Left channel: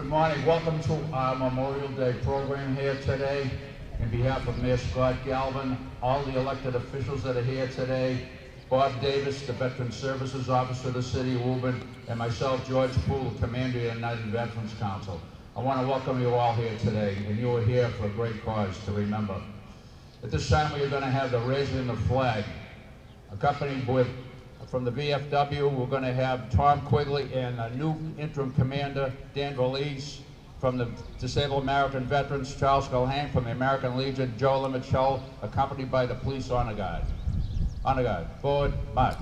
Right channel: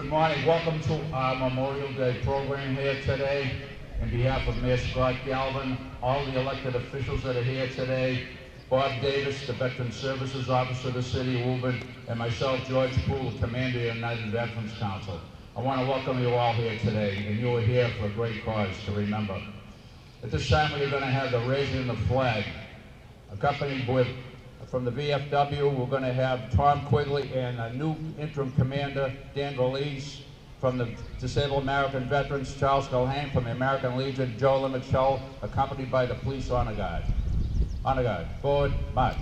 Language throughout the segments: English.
Good morning. Welcome to our Memorial Day program here today. On behalf of Mayor Scott Galvin, all the elected officials that are here today, Bob Davis, the Veteran Services Officer of the City of Woburn, and myself, George Poole, Commander of the United Veterans Council. I want to welcome you all here today, and you are here for a great cause to remember. At this time, we are going to have the raising of the flag, accompanied with, from the VFW, we're going to have Tom Quigley and a new interim commander, Dan Valise. From the Disabled American Veterans, Charles Culhane. From the American Legion, Joe Limichel, accompanied by the Police Honor Guard. Honor Guard, forward, march.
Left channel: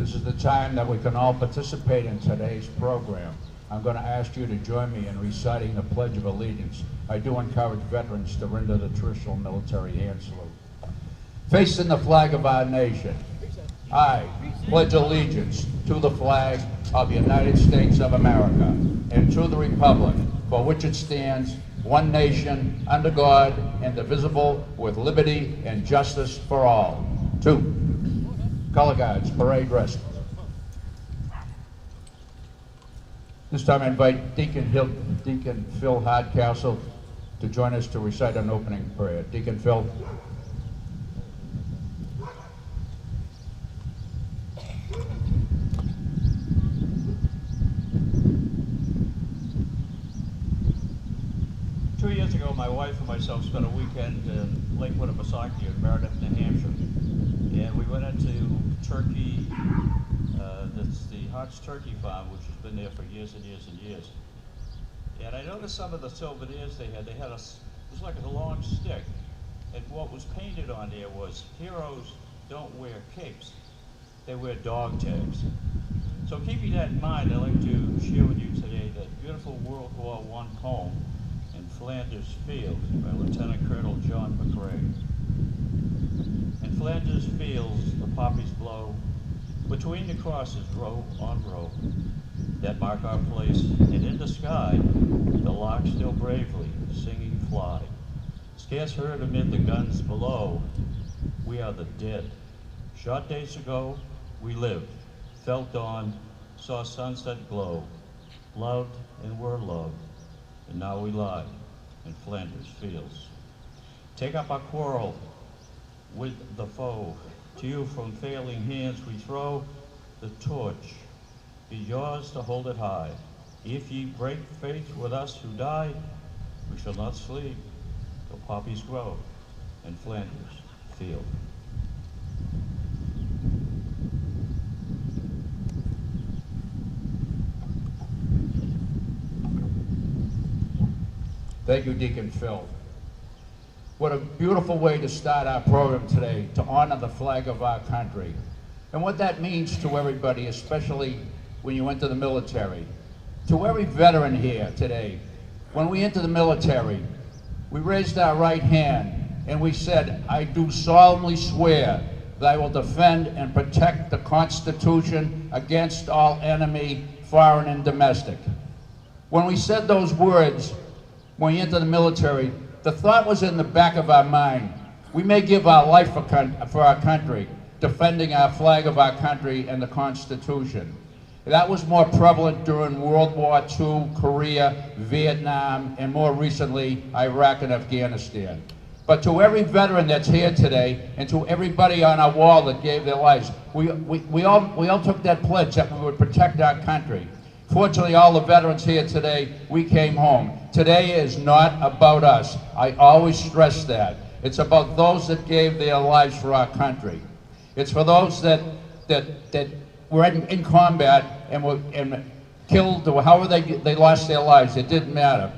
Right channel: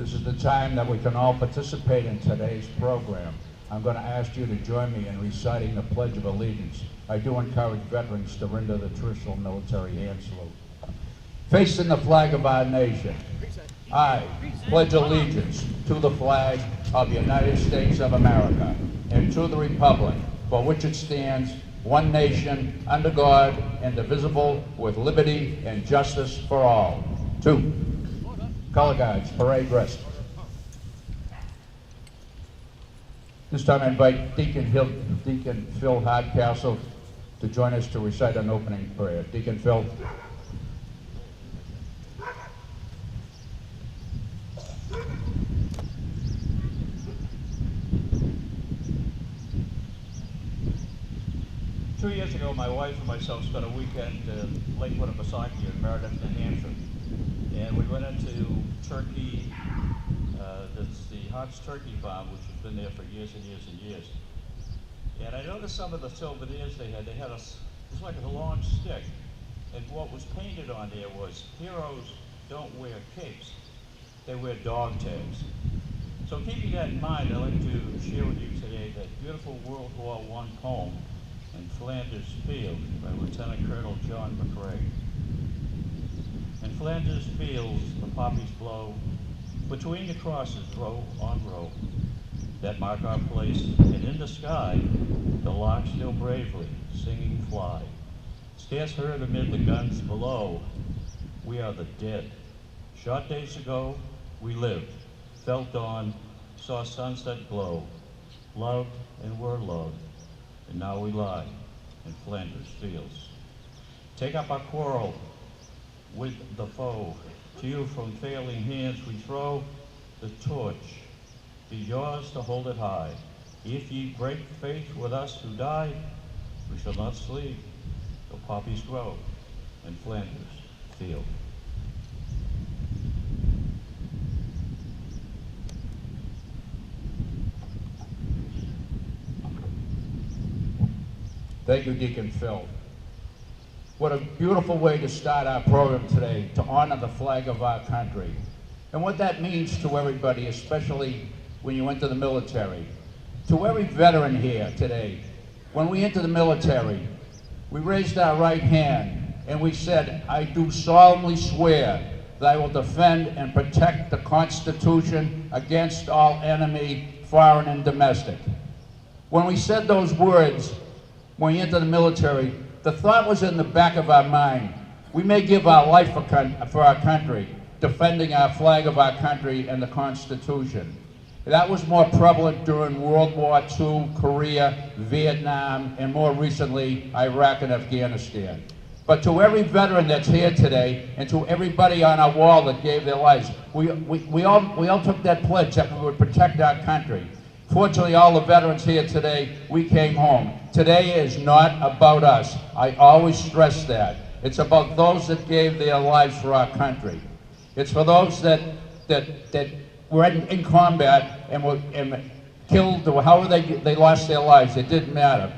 This is the time that we can all participate in today's program. I'm going to ask you to join me in reciting the Pledge of Allegiance. I do encourage veterans to render the traditional military hand salute. Facing the flag of our nation, I pledge allegiance to the flag of the United States of America and to the republic for which it stands, one nation, under God, indivisible, with liberty and justice for all. 2. Color Guards, parade rest. This time I invite Deacon Phil Hardcastle to join us to recite an opening prayer. Deacon Phil. Two years ago, my wife and myself spent a weekend in Lakewood and Misaki in Meredith, New Hampshire. And we went into Turkey, that's the Hart's Turkey Farm, which has been there for years and years and years. And I noticed some of the souvenirs they had it was like a long stick. And what was painted on there was, heroes don't wear capes, they wear dog tags. So keeping that in mind, I'd like to share with you today that beautiful World War I poem in Flanders Field by Lieutenant Colonel John McRae. In Flanders fields the poppies blow, between the crosses row on row, that mark our place, and in the sky, the lark still bravely singing fly. Scarce heard amid the guns below, we are the dead. Short days ago, we lived, felt dawn, saw sunset glow, loved and were loved, and now we lie in Flanders fields. Take up our quarrel with the foe. To you from failing hands we throw the torch. Be yours to hold it high. If ye break faith with us who died, we shall not sleep till poppies grow in Flanders field. Thank you, Deacon Phil. What a beautiful way to start our program today, to honor the flag of our country. And what that means to everybody, especially when you enter the military. To every veteran here today, when we enter the military, we raised our right hand and we said, I do solemnly swear that I will defend and protect the Constitution against all enemy, foreign and domestic. When we said those words, when we enter the military, the thought was in the back of our mind. We may give our life for our country, defending our flag of our country and the Constitution. That was more prevalent during World War II, Korea, Vietnam, and more recently, Iraq and Afghanistan. But to every veteran that's here today, and to everybody on our wall that gave their lives, we all took that pledge that we would protect our country. Fortunately, all the veterans here today, we came home. Today is not about us. I always stress that. It's about those that gave their lives for our country. It's for those that were in combat and were killed, or however they lost their lives. It didn't matter.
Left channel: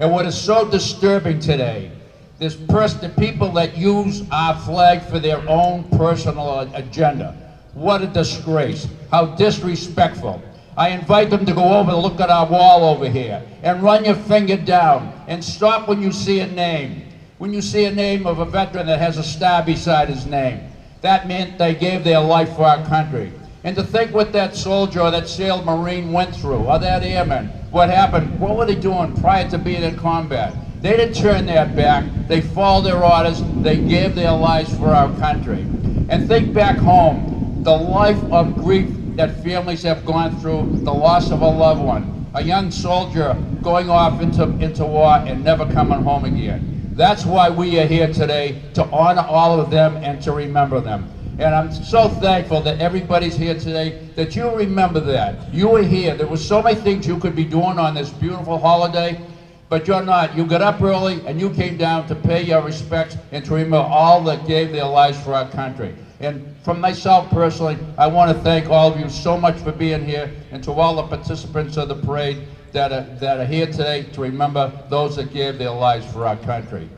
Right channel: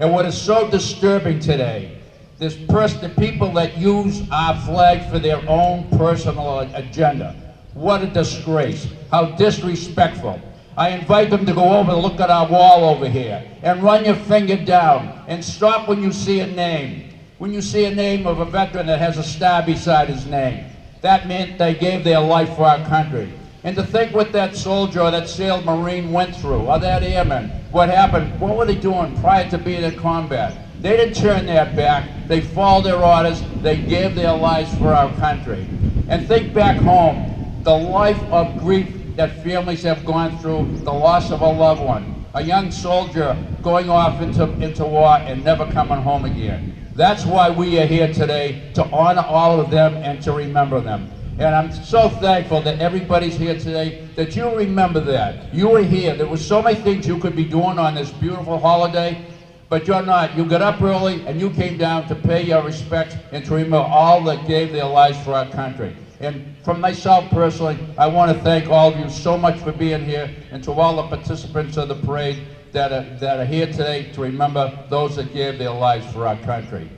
And what is so disturbing today, the people that use our flag for their own personal agenda. What a disgrace. How disrespectful. I invite them to go over and look at our wall over here and run your finger down and stop when you see a name. When you see a name of a veteran that has a star beside his name, that meant they gave their life for our country. And to think what that soldier or that sailed Marine went through, or that airman, what happened, what were they doing prior to being in combat? They didn't turn their back, they followed their orders, they gave their lives for our country. And think back home, the life of grief that families have gone through, the loss of a loved one, a young soldier going off into war and never coming home again. That's why we are here today, to honor all of them and to remember them. And I'm so thankful that everybody's here today, that you remember that. You were here. There were so many things you could be doing on this beautiful holiday, but you're not. You got up early and you came down to pay your respects and to remember all that gave their lives for our country. And from myself personally, I want to thank all of you so much for being here, and to all the participants of the parade that are here today to remember those that gave their lives for our country.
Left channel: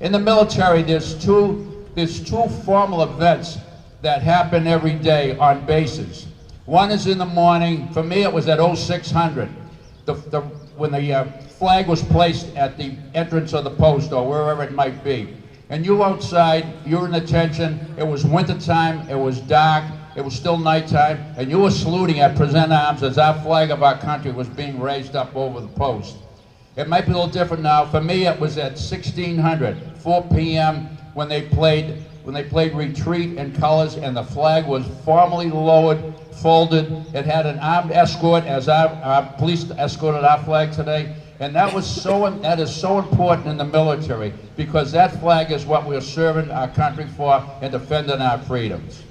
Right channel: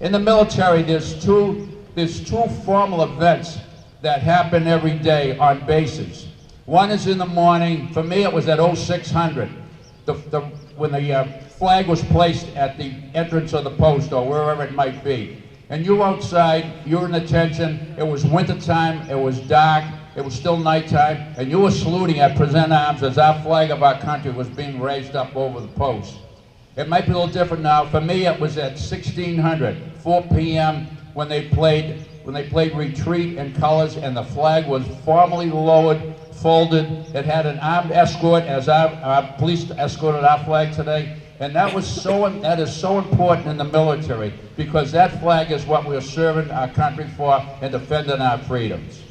In the military, there's two formal events that happen every day on bases. One is in the morning. For me, it was at 0600, when the flag was placed at the entrance of the post or wherever it might be. And you outside, you're in attention, it was winter time, it was dark, it was still nighttime, and you were saluting at present arms as our flag of our country was being raised up over the post. It might be a little different now. For me, it was at 1600, 4 p.m. when they played Retreat in colors, and the flag was formally lowered, folded. It had an armed escort as our police escorted our flag today. And that is so important in the military, because that flag is what we're serving our country for and defending our freedoms.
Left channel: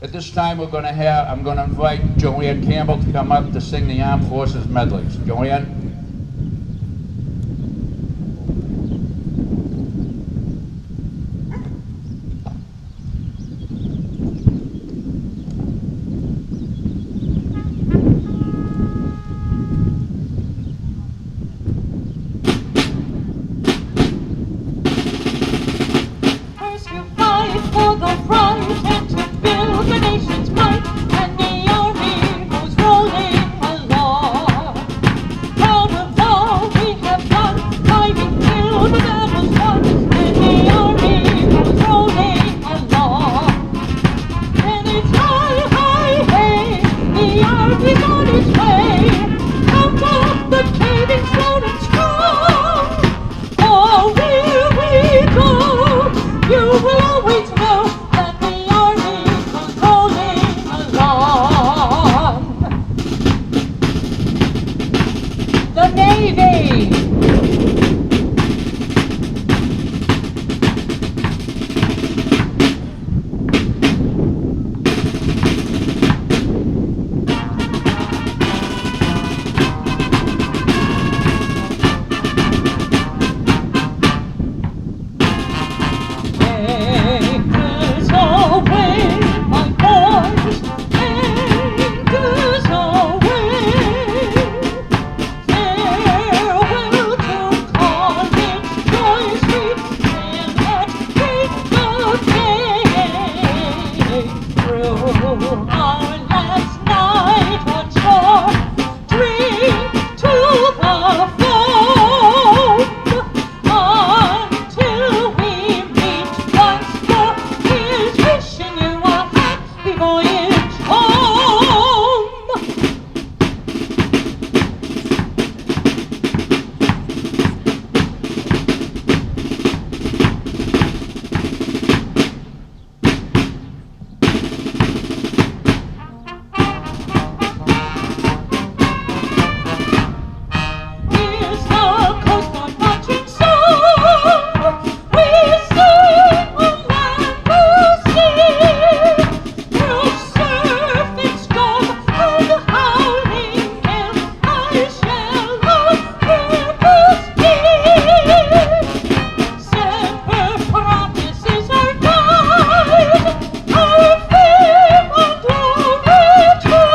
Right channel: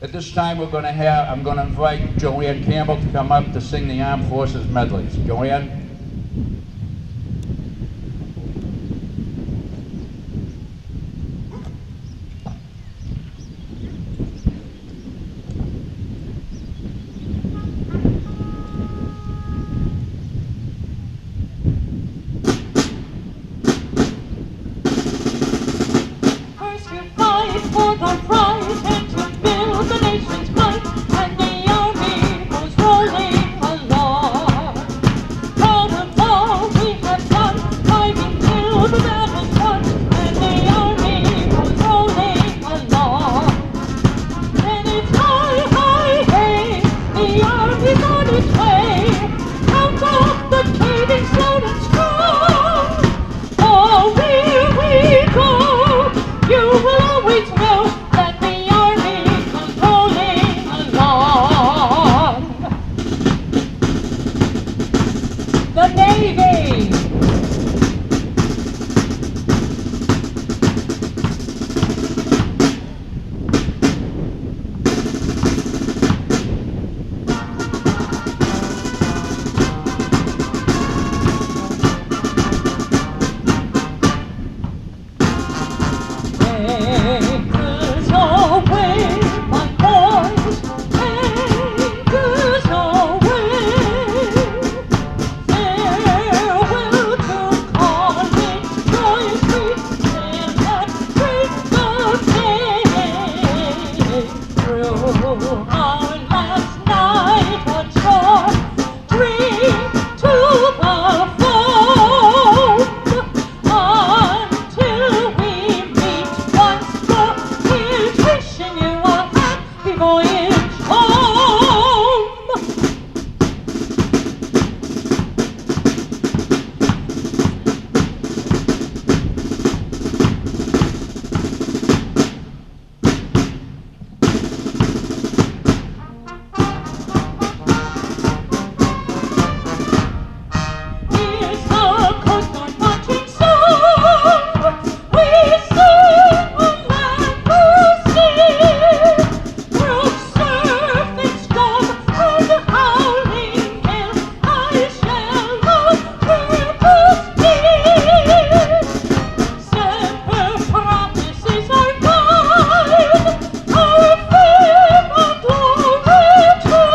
At this time, I'm going to invite Joanne Campbell to come up to sing the Armed Forces medleys. Joanne? Anchors away, my boys, anchors away. Farewell to college joys we stand at break of day. Through our last night on shore, drink to the foam until we meet once more. Here's wishing you a happy voyage home. Here's the Coast Guard marching song. We sing on land through sea, through surf and storm and howling gale. I shall not be. Semper promises our guide, our fame and glory too.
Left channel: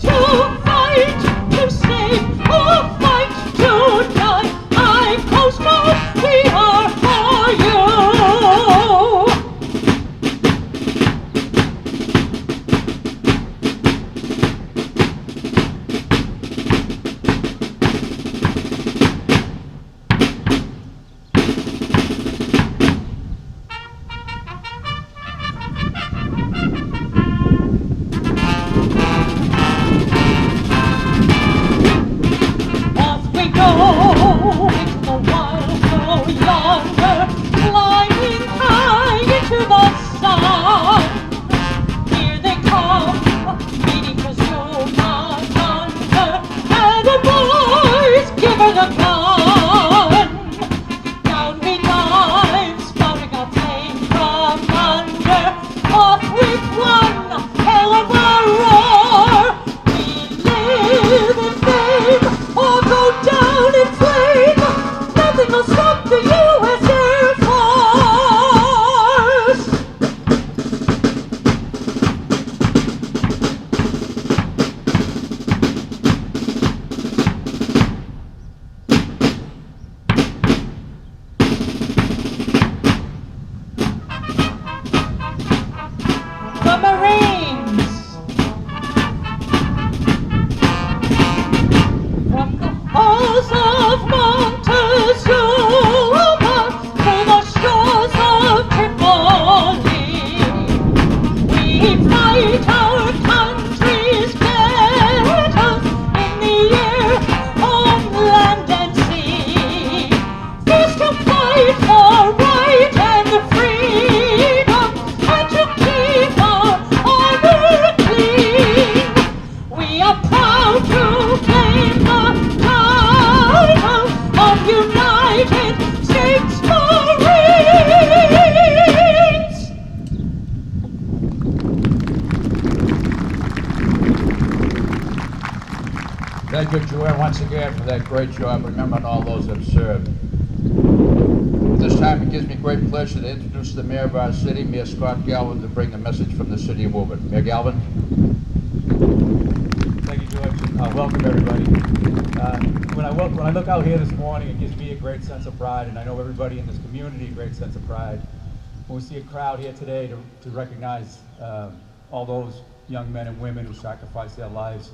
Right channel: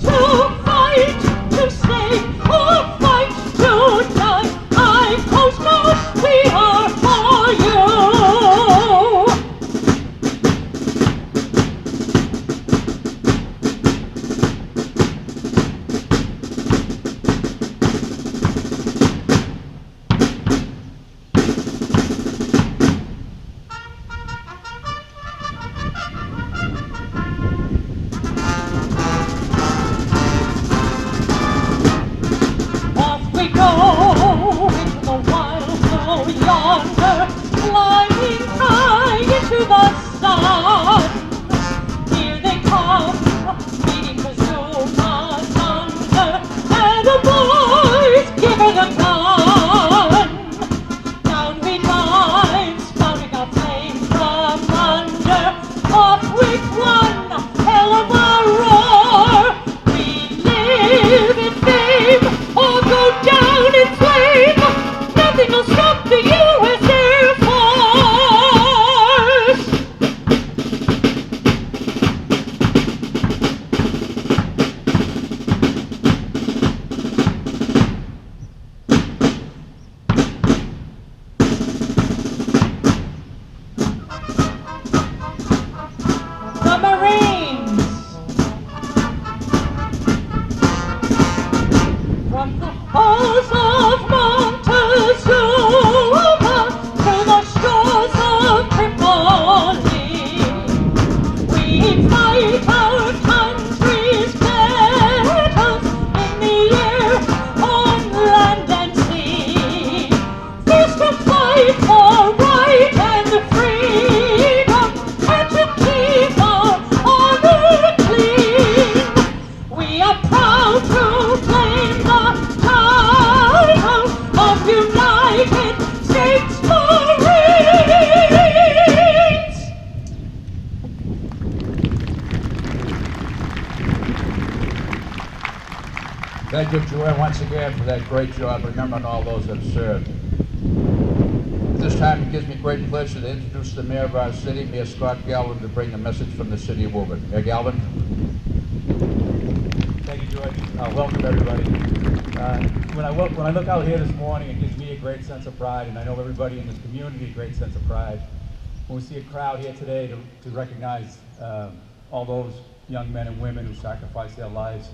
To fight, to save, or fight to die. I Coast Guard, we are for you. Off we go into the wild blue yonder, climbing high into the sun. Here they come, meeting Kazuma thunder, and the boys give her the gun. Down we dive, spouting a flame from under, off with one hell of a roar. We live in fame, or go down in flame. Nothing will stop the U.S. Air Force. The Marines. From the halls of Montezuma to the shores of Tripoli, we fight our country's battles in the air, on land and sea. First to fight for right and freedom, and to keep our honor clean. We are proud to claim the title of United States Marines. Thank you, Joanne, once again for that great job remembering all those that have served. At this time, it gives me great pleasure to introduce the mayor of our city, Mayor Scott Galvin, to bring a message from the city of Woburn. Mayor Galvin. Thank you, George. Welcome, everybody. When I look out here this morning, it gives me a great sense of pride, and I know everybody in this community a great sense of pride. When we see a crowd here today to recognize all those young men and women who sacrificed their lives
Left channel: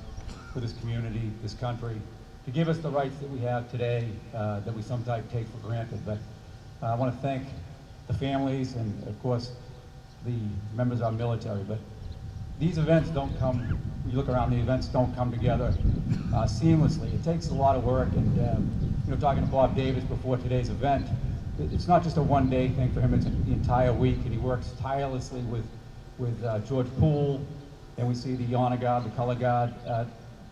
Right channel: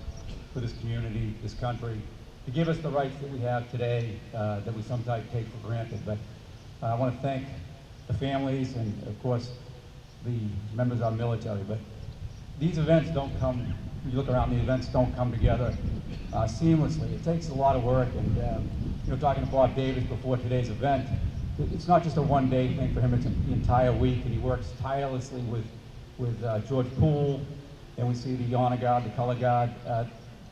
for this community, this country, to give us the rights that we have today that we sometimes take for granted. But I want to thank the families and, of course, the members of our military. But these events don't come, you look around, the events don't come together seamlessly. It takes a lot of work, and talking to Bob Davis before today's event, it's not just a one-day thing for him, it's the entire week, and he works tirelessly with George Poole, and we see the Honor Guard, the Color Guard.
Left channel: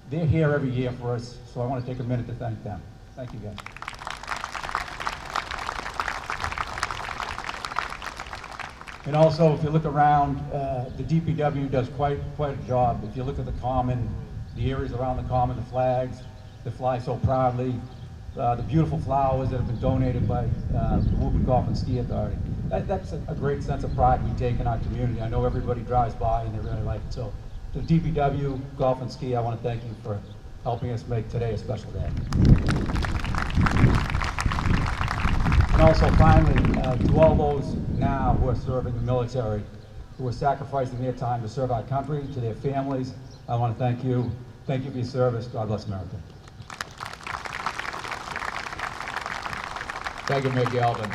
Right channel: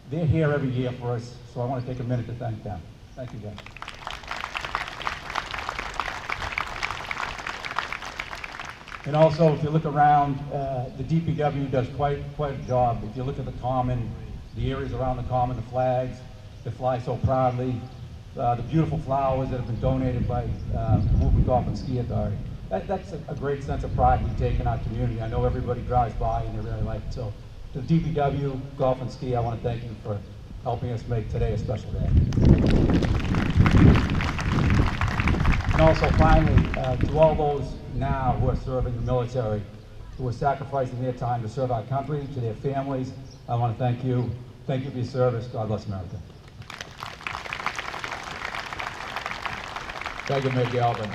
They're here every year for us, so I want to take a minute to thank them. Thank you, guys. And also, if you look around, the DPW does quite a job. If you look at the common, the areas around the common, the flags that fly so proudly, the beautiful flowers that have been donated by the Woburn Golf and Ski Authority. That's a great sense of pride we take in our community. I know everybody drives by and they really like it. So to the DPW, Golf and Ski, I want to thank you for helping us make today a special day. And also finally, to all those now who are serving the military, who are sacrificing their time to serve our country, to their families, I want to thank you. Thank you for your service. God bless America. Thank you, Mayor Galvin.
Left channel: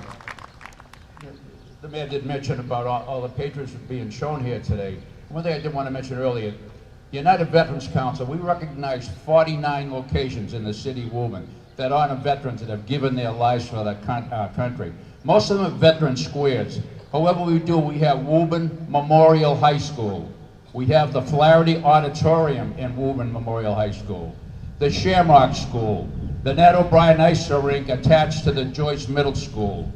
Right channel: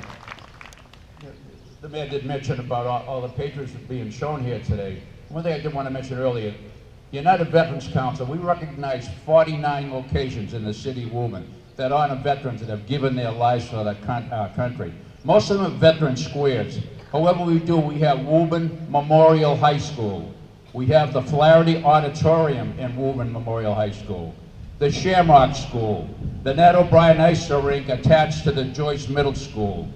The mayor did mention about all the patrons being shown here today. One thing I did want to mention earlier, the United Veterans Council, we recognize 49 locations in the city of Woburn that honor veterans that have given their lives for our country. Most of them are veteran squares. However, we have Woburn Memorial High School. We have the Flaherty Auditorium in Woburn Memorial High School, the Shamrock School, the Nat O'Brien Ice Rink attached to the Joyce Middle School.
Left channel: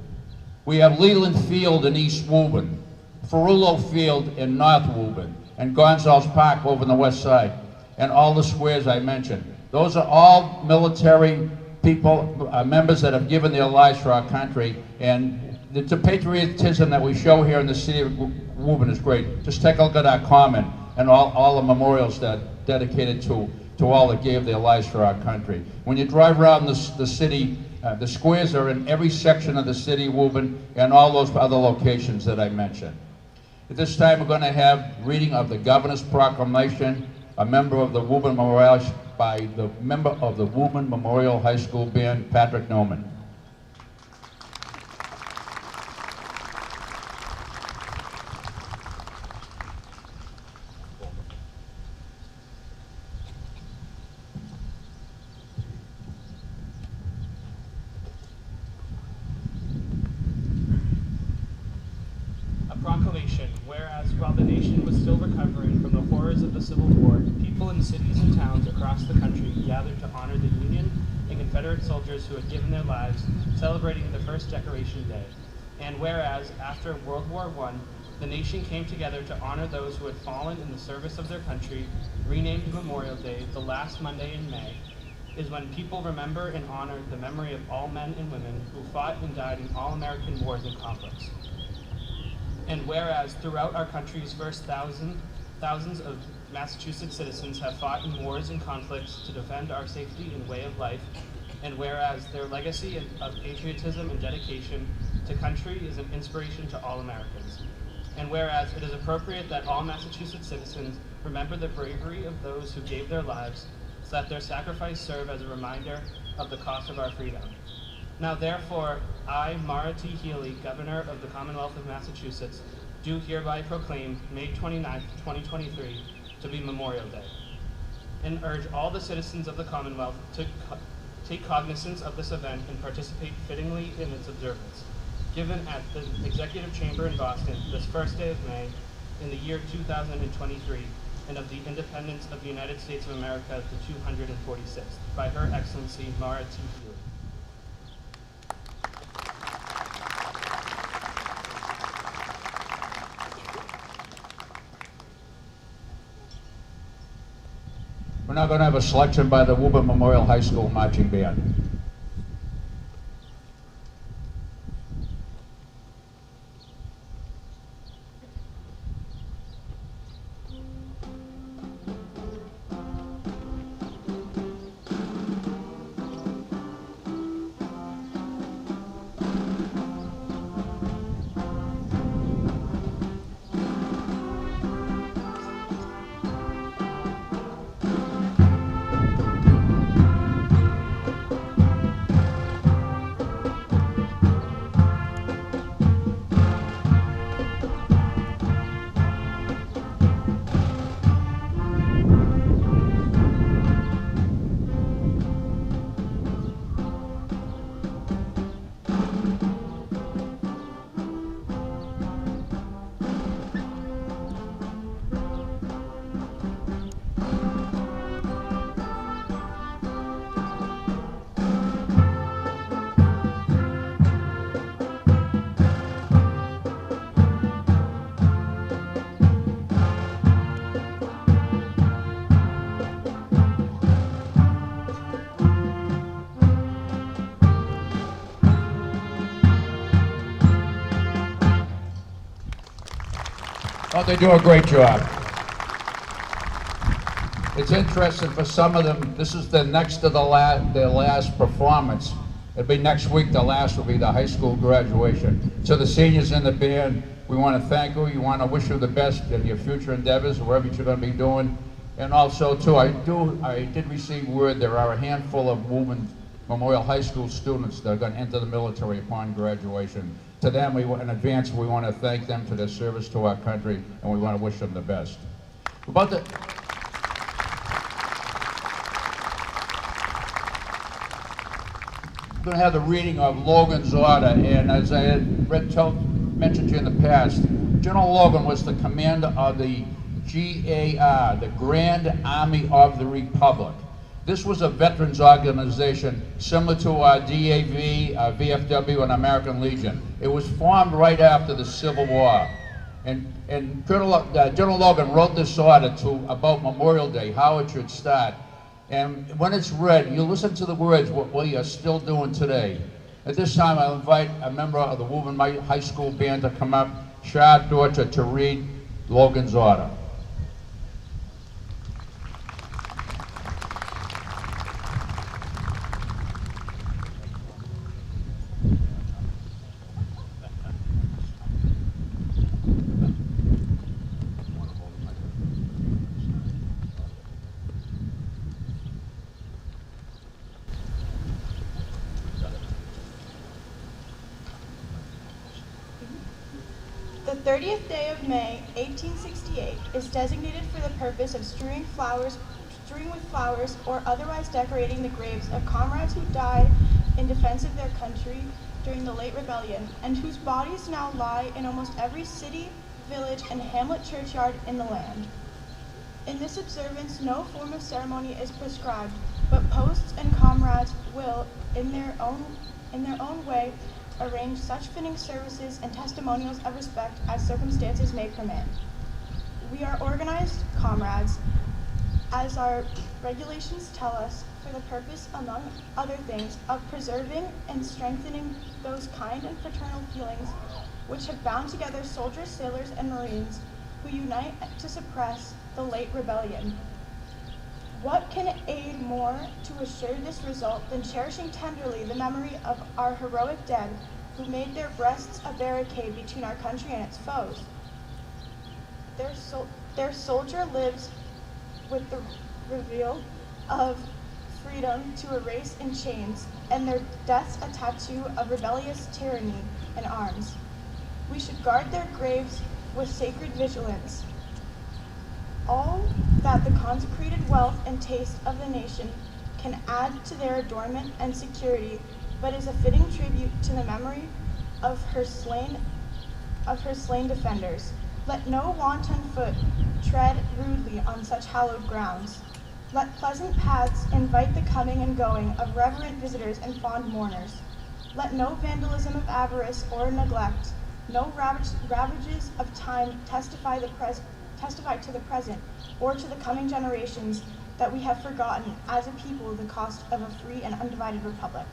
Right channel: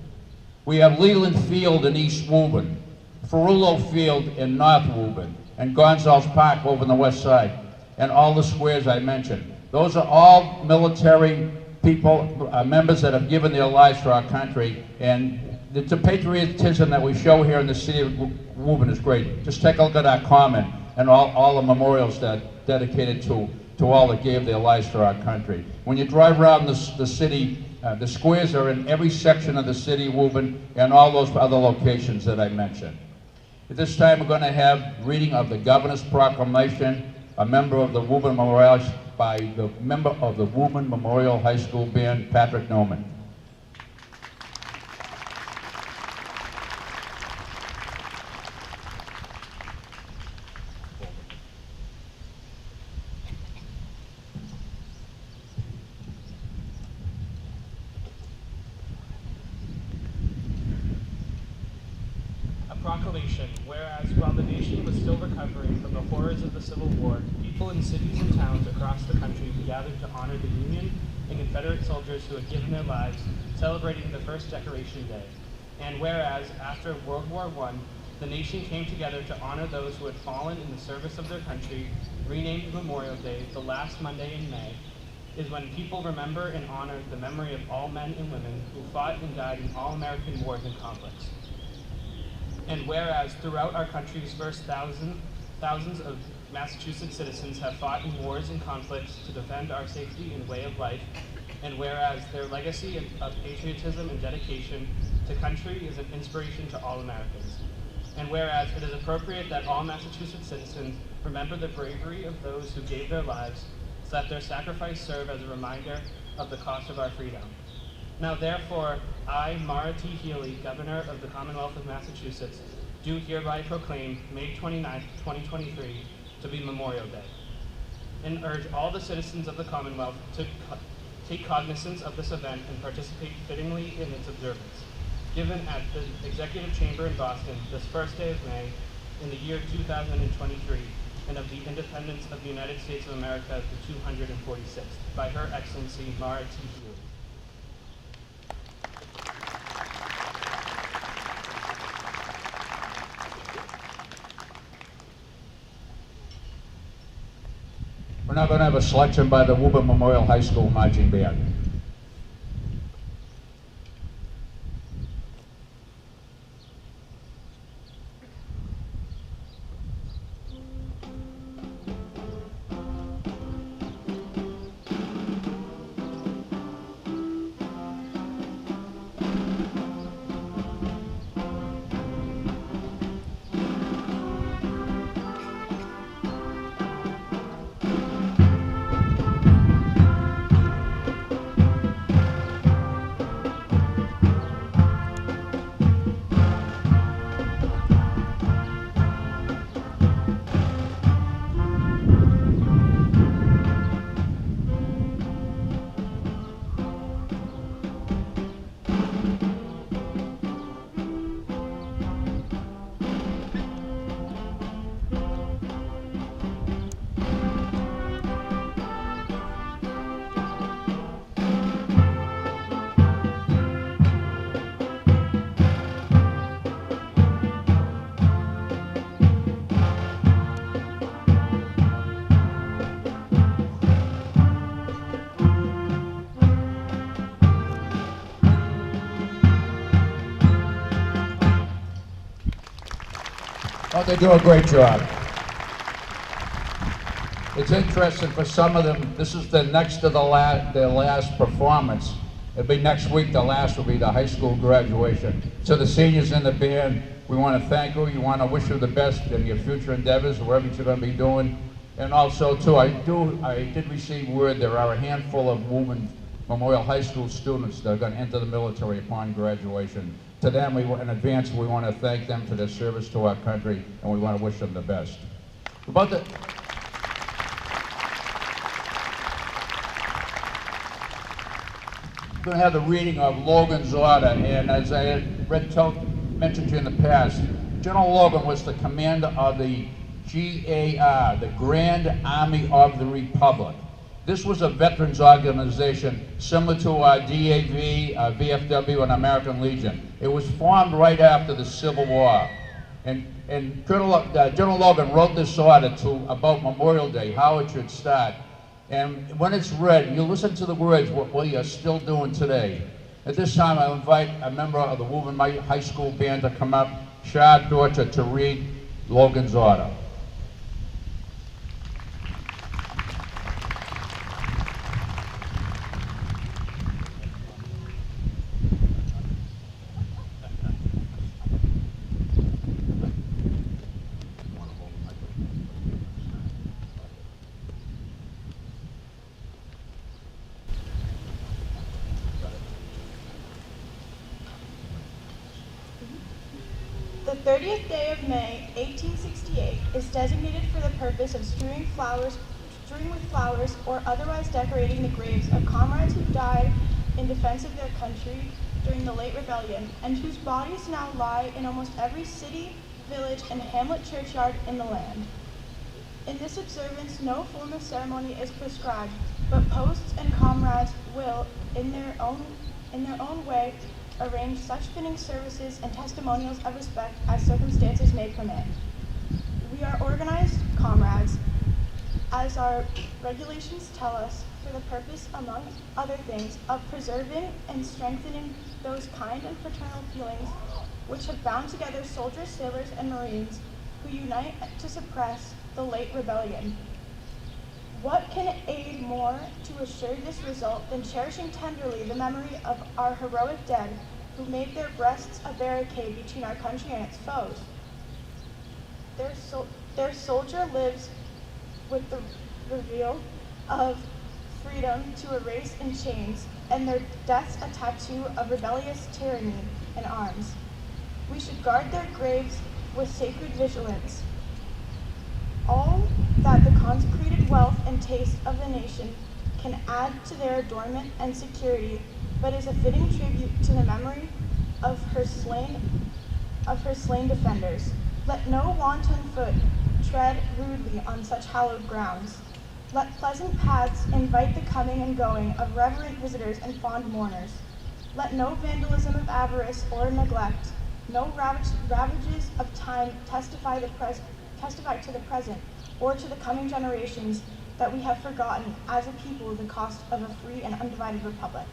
We have Leland Field in East Woburn, Ferrullo Field in North Woburn, and Gonzales Park over on the west side, and all the squares I mentioned. Those are all military people, members that have given their lives for our country, and the patriotism that we show here in the city of Woburn is great. Just take a look at our common and all the memorials that dedicated to all that gave their lives for our country. When you drive around the city, the squares are in every section of the city of Woburn and all those other locations that I mentioned. At this time, we're going to have reading of the Governor's Proclamation, a member of the Woburn Memorial, by the member of the Woburn Memorial High School Band, Patrick Norman. Proclamation. Whereas while the nation was still recovering from the horrors of the Civil War, people in cities and towns across the country gathered to honor the Union and Confederate soldiers who had given their lives, celebrating the first Decoration Day. And whereas after World War I, the nation came together to honor those who had fallen in the service of their country, renamed Memorial Day, the last Monday in May, is when people remember and honor the memory of all men and women who fought and died in all American wars and conflicts. And whereas throughout our country's first thousands of Massachusetts citizens have fought in wars and conflicts to defend our safety and way of life, and whereas their legacy of patriotism and dedication to country is an inspiration to all Americans, and whereas it is appropriate that all Massachusetts citizens remember the bravery of those who gave their lives, so that their sacrifice serve as a reminder of the cost of our freedom. Now therefore, I, Mara T. Healy, Governor of the Commonwealth of Massachusetts, do hereby proclaim May 29th, 2023 to be Memorial Day, and urge all the citizens of the Commonwealth to take cognizance of this event and participate fittingly in its observance. Given at the Executive Chamber in Boston this first day of May in the year 2023, and of the independence of the United States of America, the 246th, by Her Excellency Mara T. Healy. We're now going to have a selection by the Woburn Memorial High School Marching Band. Oh, they do a great job. It's interesting for some of them, this is the next to their last performance. It'll be next week, the last will be the high school graduation. To the seniors in the band, we want to thank you. We want to wish you the best in your future endeavors, wherever you're going to be doing. And also, too, I did receive word there are a handful of Woburn Memorial High School students that are going to enter the military upon graduation. To them, in advance, we want to thank them for their service to our country, and we want to wish them the best. We're going to have the reading of Logan's order, and as I had mentioned to you in the past, General Logan was the commander of the GAR, the Grand Army of the Republic. This was a veterans organization similar to our DAV, VFW, and American Legion. It was formed right after the Civil War. And General Logan wrote this order about Memorial Day, how it should start. And when it's read, you listen to the words, what we are still doing today. At this time, I'll invite a member of the Woburn High School band to come up, Shad Dorcher, to read Logan's order. The 30th day of May, 1868, is designated for the purpose of strewing with flowers or otherwise decorating the graves of comrades who died in defense of their country during the late rebellion, and whose bodies now lie in almost every city, village, and hamlet churchyard in the land. In this observance, no form of ceremony is prescribed, but posts and comrades will, in their own way, arrange such fitting services and testimonials of respect as circumstances may permit. We are organized, comrades, as our regulations tell us, for the purpose, among other things, of preserving and strengthening those kind and fraternal feelings which have bound together soldiers, sailors, and Marines who unite to suppress the late rebellion. What can aid more to assure this result than cherishing tenderly the memory of our heroic dead who made their breasts a barricade between our country and its foes? Their soldier lives with the reveal of freedom to erase in chains, and their deaths a tattoo of rebellious tyranny in arms. We should guard their graves with sacred vigilance. All that the consecrated wealth and taste of the nation can add to their adornment and security, but is a fitting tribute to the memory of her slain defenders. Let no wanton foot tread rudely on such hallowed grounds. Let pleasant paths invite the coming and going of reverent visitors and fond mourners. Let no vandalism of avarice or neglect, no ravages of time testify to the present or to the coming generations that we have forgotten as a people the cost of a free and undivided republic.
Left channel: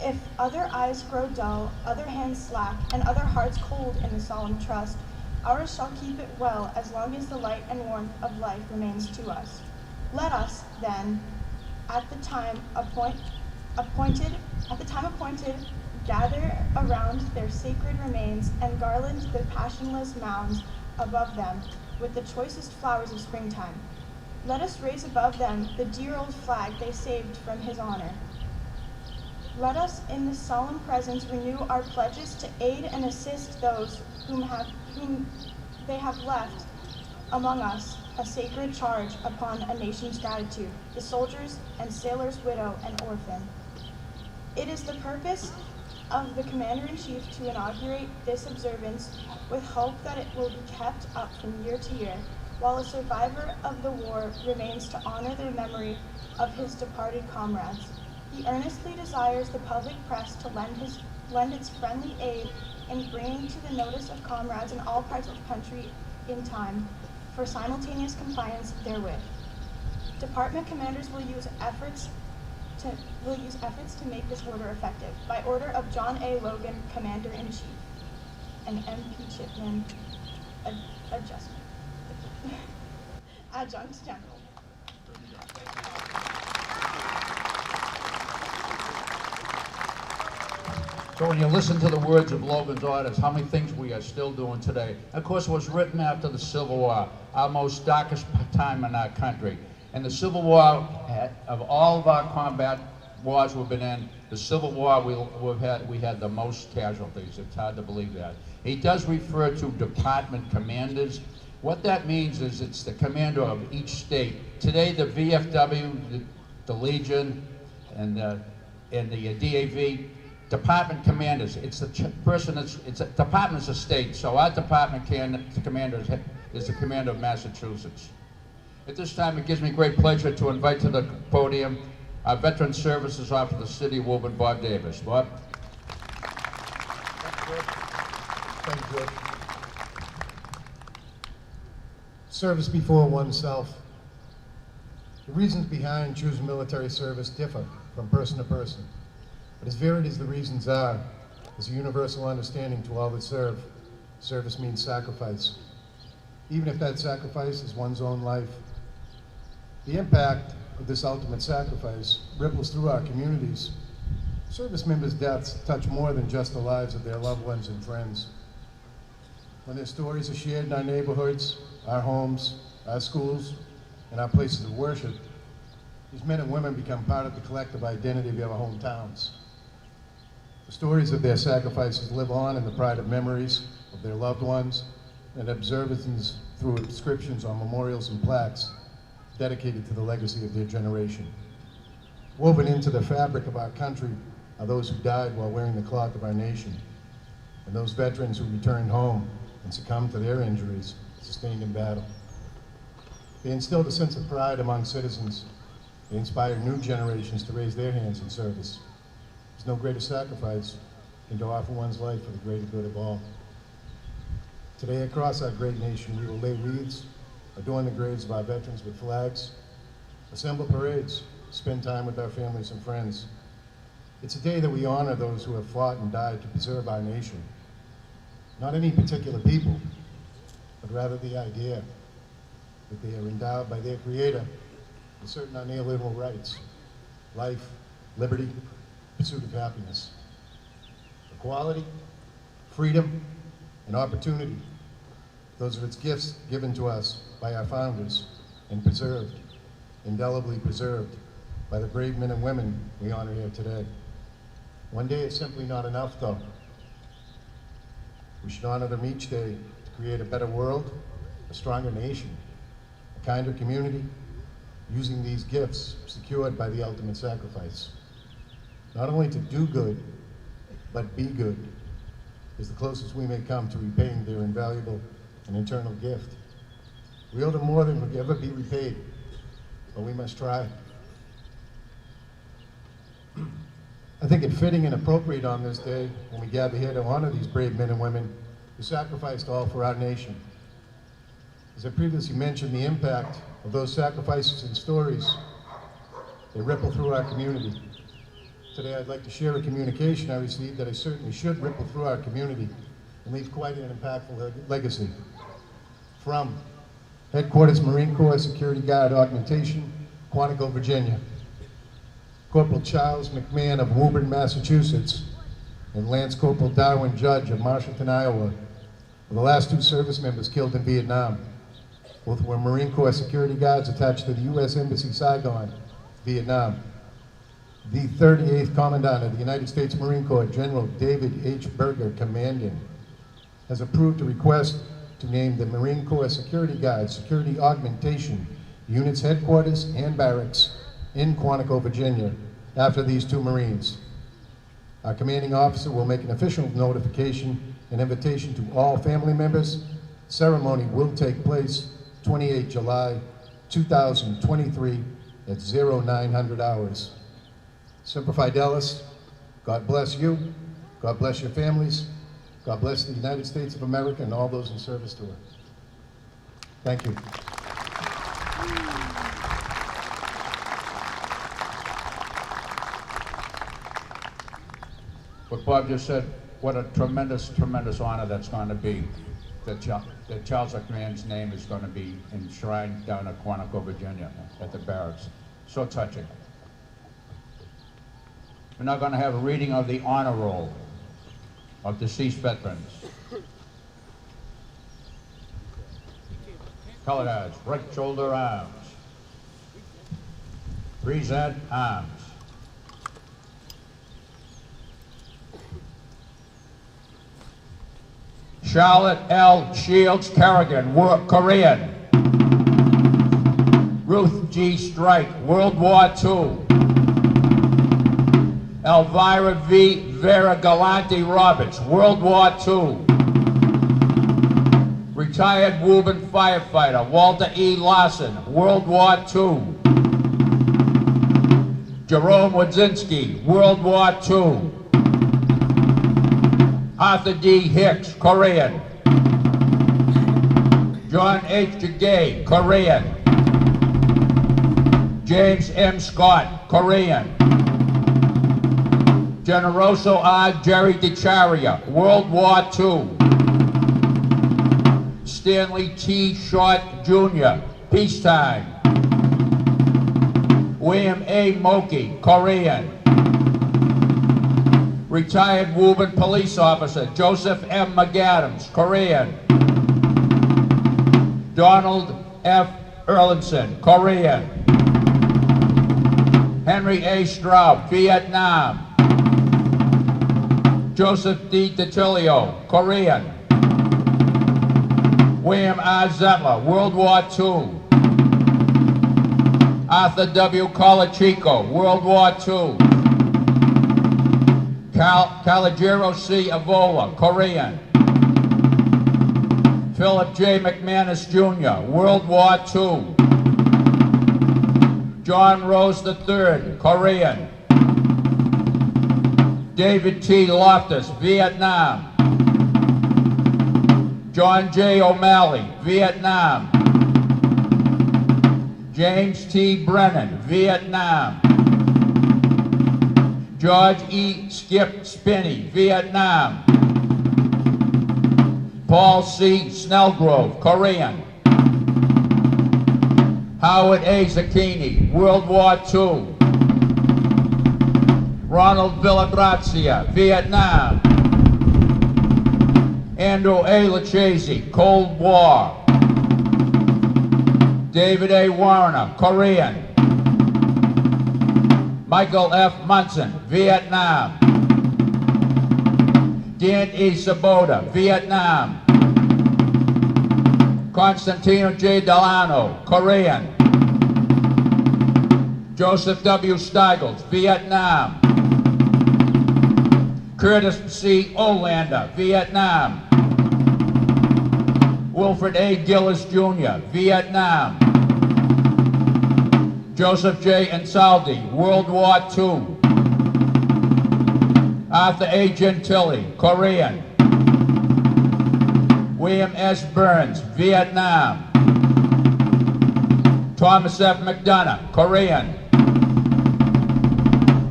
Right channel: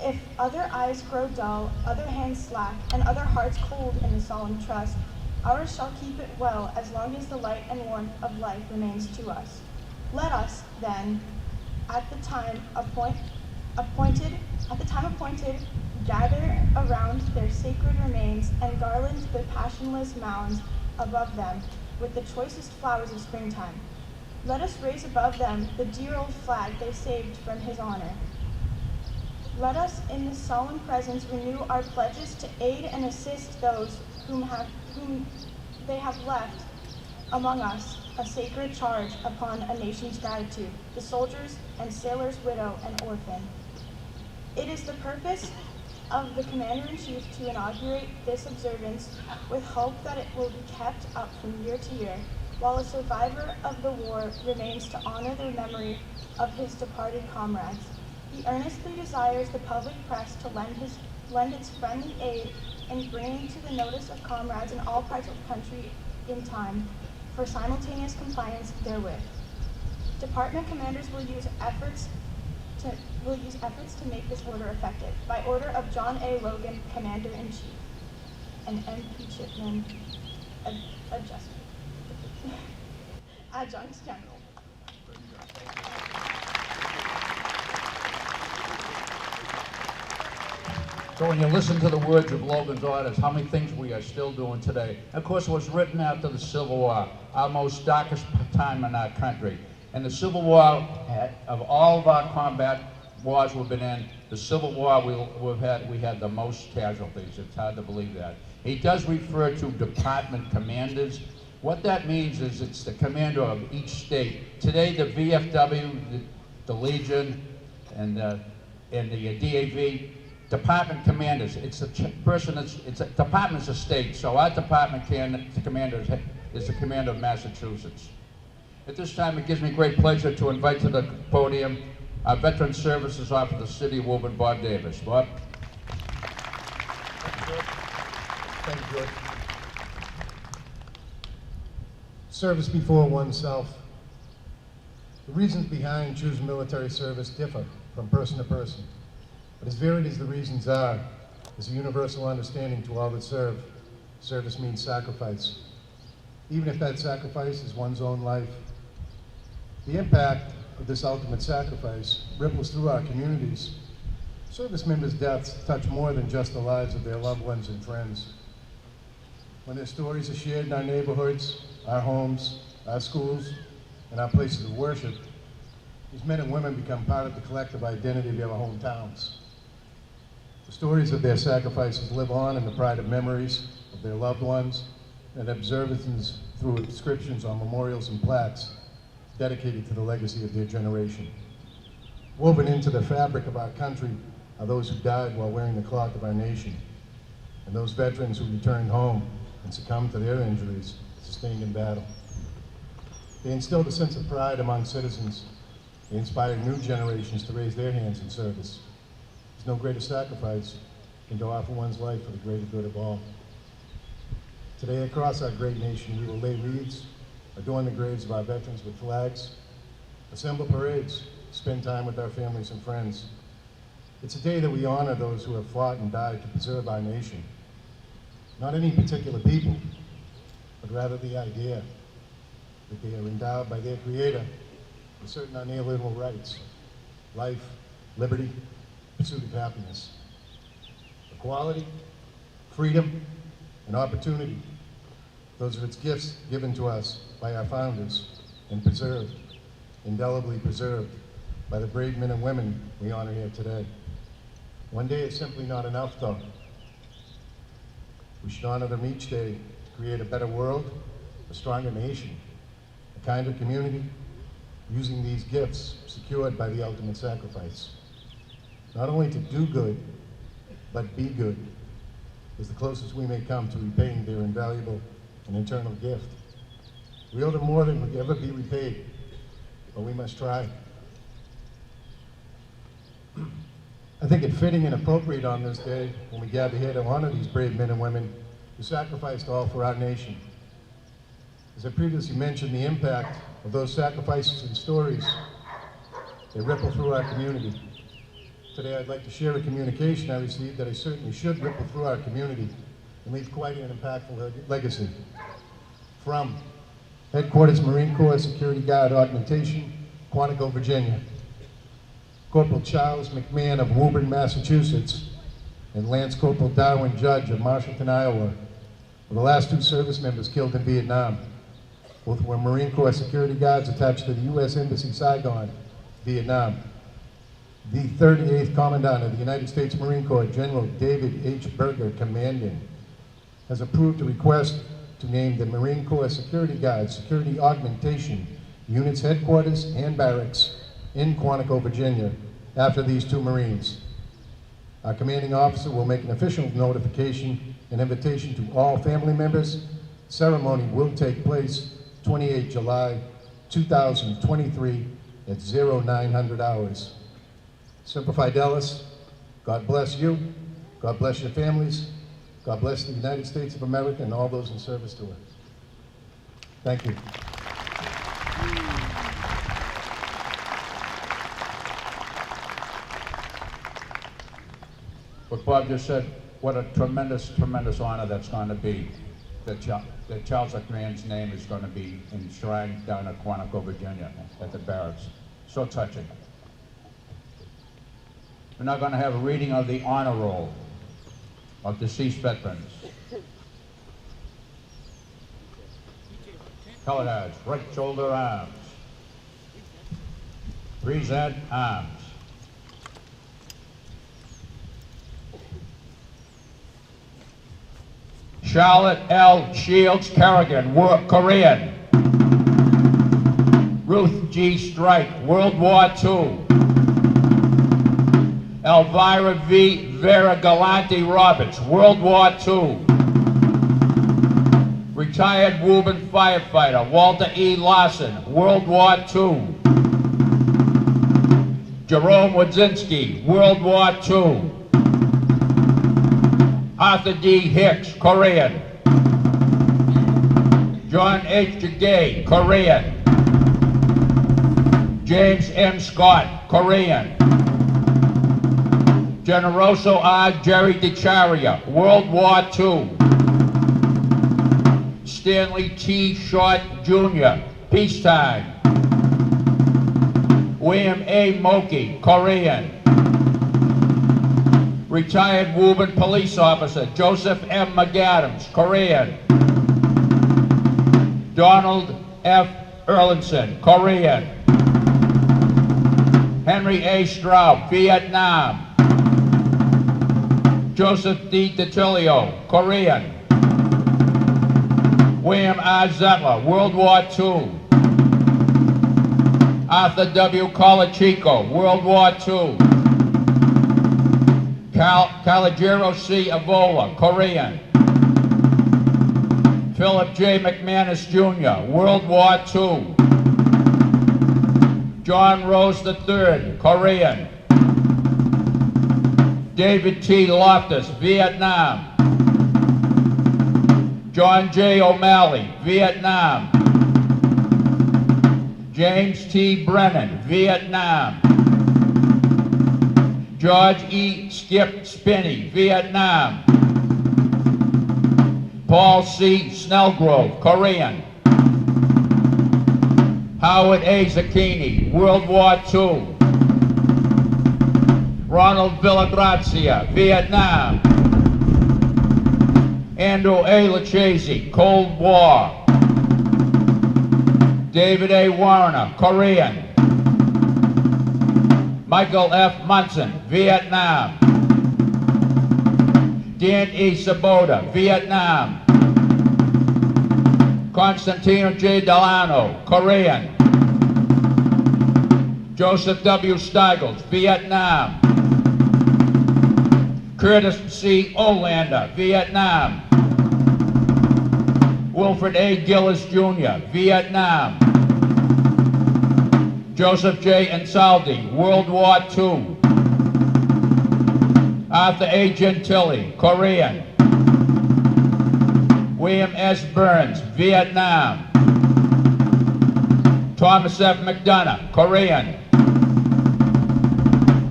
If other eyes grow dull, other hands slack, and other hearts cold in the solemn trust, ours shall keep it well as long as the light and warmth of life remains to us. Let us, then, at the time appointed, gather around their sacred remains and garland the passionless mounds above them with the choicest flowers of springtime. Let us raise above them the dear old flag they saved from his honor. Let us in this solemn presence renew our pledges to aid and assist those whom they have left among us a sacred charge upon a nation's gratitude, the soldiers and sailors' widow and orphan. It is the purpose of the Commander-in-Chief to inaugurate this observance with hope that it will be kept up from year to year, while a survivor of the war remains to honor the memory of his departed comrades. He earnestly desires the public press to lend its friendly aid in bringing to the notice of comrades in all parts of the country in time for simultaneous compliance therewith. Department commanders will use efforts to make this order effective. By order of John A. Logan, Commander-in-Chief, and M.P. Chipman, adjustment. Adjuncts General. So when you listen to the words of Logan's orders, how many things we are still doing today? Of course, it was written after the Civil War, our most darkest time in our country. And the Civil War, of all of our combat wars we've been in, the Civil War we had the most casualties. It's hard to believe that. He does refer to department commanders. What that means is it's the commander of each state. Today, the VFW, the Legion, and the DAV, department commanders. It's the person it's a department's a state. So our department commander is the commander of Massachusetts. At this time, it gives me great pleasure to invite to the podium our Veteran Services Officer of the City of Woburn, Bob Davis. Bob. Thank you, George. Service before oneself. The reasons behind choosing military service differ from person to person. But as varied as the reasons are, there's a universal understanding to all that serve. Service means sacrifice, even if that sacrifice is one's own life. The impact of this ultimate sacrifice ripples through our communities. Service members' deaths touch more than just the lives of their loved ones and friends. When their stories are shared in our neighborhoods, our homes, our schools, and our places of worship, these men and women become part of the collective identity of our hometowns. The stories of their sacrifices live on in the pride of memories of their loved ones and observances through inscriptions on memorials and plaques dedicated to the legacy of their generation. Woven into the fabric of our country are those who died while wearing the cloth of our nation, and those veterans who returned home and succumbed to their injuries sustained in battle. They instilled a sense of pride among citizens. They inspired new generations to raise their hands in service. There's no greater sacrifice than to offer one's life for the greater good of all. Today, across our great nation, we will lay wreaths, adorn the graves of our veterans with flags, assemble parades, spend time with our families and friends. It's a day that we honor those who have fought and died to preserve our nation. Not any particular people, but rather the idea that they are endowed by their Creator with certain unalienable rights: life, liberty, pursuit of happiness, equality, freedom, and opportunity. Those are its gifts given to us by our founders and preserved, indelibly preserved, by the brave men and women we honor here today. One day is simply not enough, though. We should honor them each day to create a better world, a stronger nation, a kinder community, using these gifts secured by the ultimate sacrifice. Not only to do good, but be good, is the closest we may come to repaying their invaluable and eternal gift. We owe them more than will ever be repaid, but we must try. I think it fitting and appropriate on this day, when we gather here to honor these brave men and women who sacrificed all for our nation. As I previously mentioned, the impact of those sacrifices and stories, they ripple through our community. Today I'd like to share a communication I received that I certainly should ripple through our community and leave quite an impactful legacy. From Headquarters Marine Corps Security Guard Augmentation, Quantico, Virginia. Corporal Charles McMahon of Woburn, Massachusetts, and Lance Corporal Darwin Judge of Marshallton, Iowa, were the last two service members killed in Vietnam. Both were Marine Corps security guards attached to the U.S. Embassy, Saigon, Vietnam. The 38th Commandant of the United States Marine Corps, General David H. Berger, commanding, has approved a request to name the Marine Corps Security Guards Security Augmentation Unit's headquarters and barracks in Quantico, Virginia, after these two Marines. Our commanding officer will make an official notification and invitation to all family members. Ceremony will take place 28 July 2023 at 0900 hours. Semper Fidelis, God bless you, God bless your families, God bless the United States of America and all those in service to her. Thank you. What Bob just said, what a tremendous, tremendous honor that's going to be. the Charles man's name is going to be enshrined down at Quantico, Virginia, at the barracks. So touching. We're now going to have a reading of the honor roll of deceased veterans. Color guards, right shoulder arms. Present arms. Charlotte L. Shields Kerrigan, Korean. Ruth G. Strike, World War II. Elvira V. Vera Galante Roberts, World War II. Retired Woburn firefighter Walter E. Larson, World War II. Jerome Wadzinski, World War II. Arthur D. Hicks, Korean. John H. Jagay, Korean. James M. Scott, Korean. Generoso R. Jerry DeCharia, World War II. Stanley T. Short, Jr., peacetime. William A. Moki, Korean. Retired Woburn police officer Joseph M. McAdams, Korean. Donald F. Erlinson, Korean. Henry A. Straub, Vietnam. Joseph D. DiTilio, Korean. William R. Zettler, World War II. Arthur W. Colachico, World War II. Calogero C. Avola, Korean. Philip J. McManus Jr., World War II. John Rose III, Korean. David T. Loftus, Vietnam. John J. O'Malley, Vietnam. James T. Brennan, Vietnam. George E. Skip Spinney, Vietnam. Paul C. Snellgrove, Korean. Howard A. Zucchini, World War II. Ronald Villagrazia, Vietnam. Andrew A. Lucchese, Cold War. David A. Warner, Korean. Michael F. Munson, Vietnam. Dan E. Sabota, Vietnam. Constantino J. Delano, Korean. Joseph W. Steigels, Vietnam. Curtis C. Olander, Vietnam. Wilfred A. Gillis Jr., Vietnam. Joseph J. Ansaldi, World War II. Arthur A. Gentili, Korean. William S. Burns, Vietnam. Thomas F. McDonough, Korean.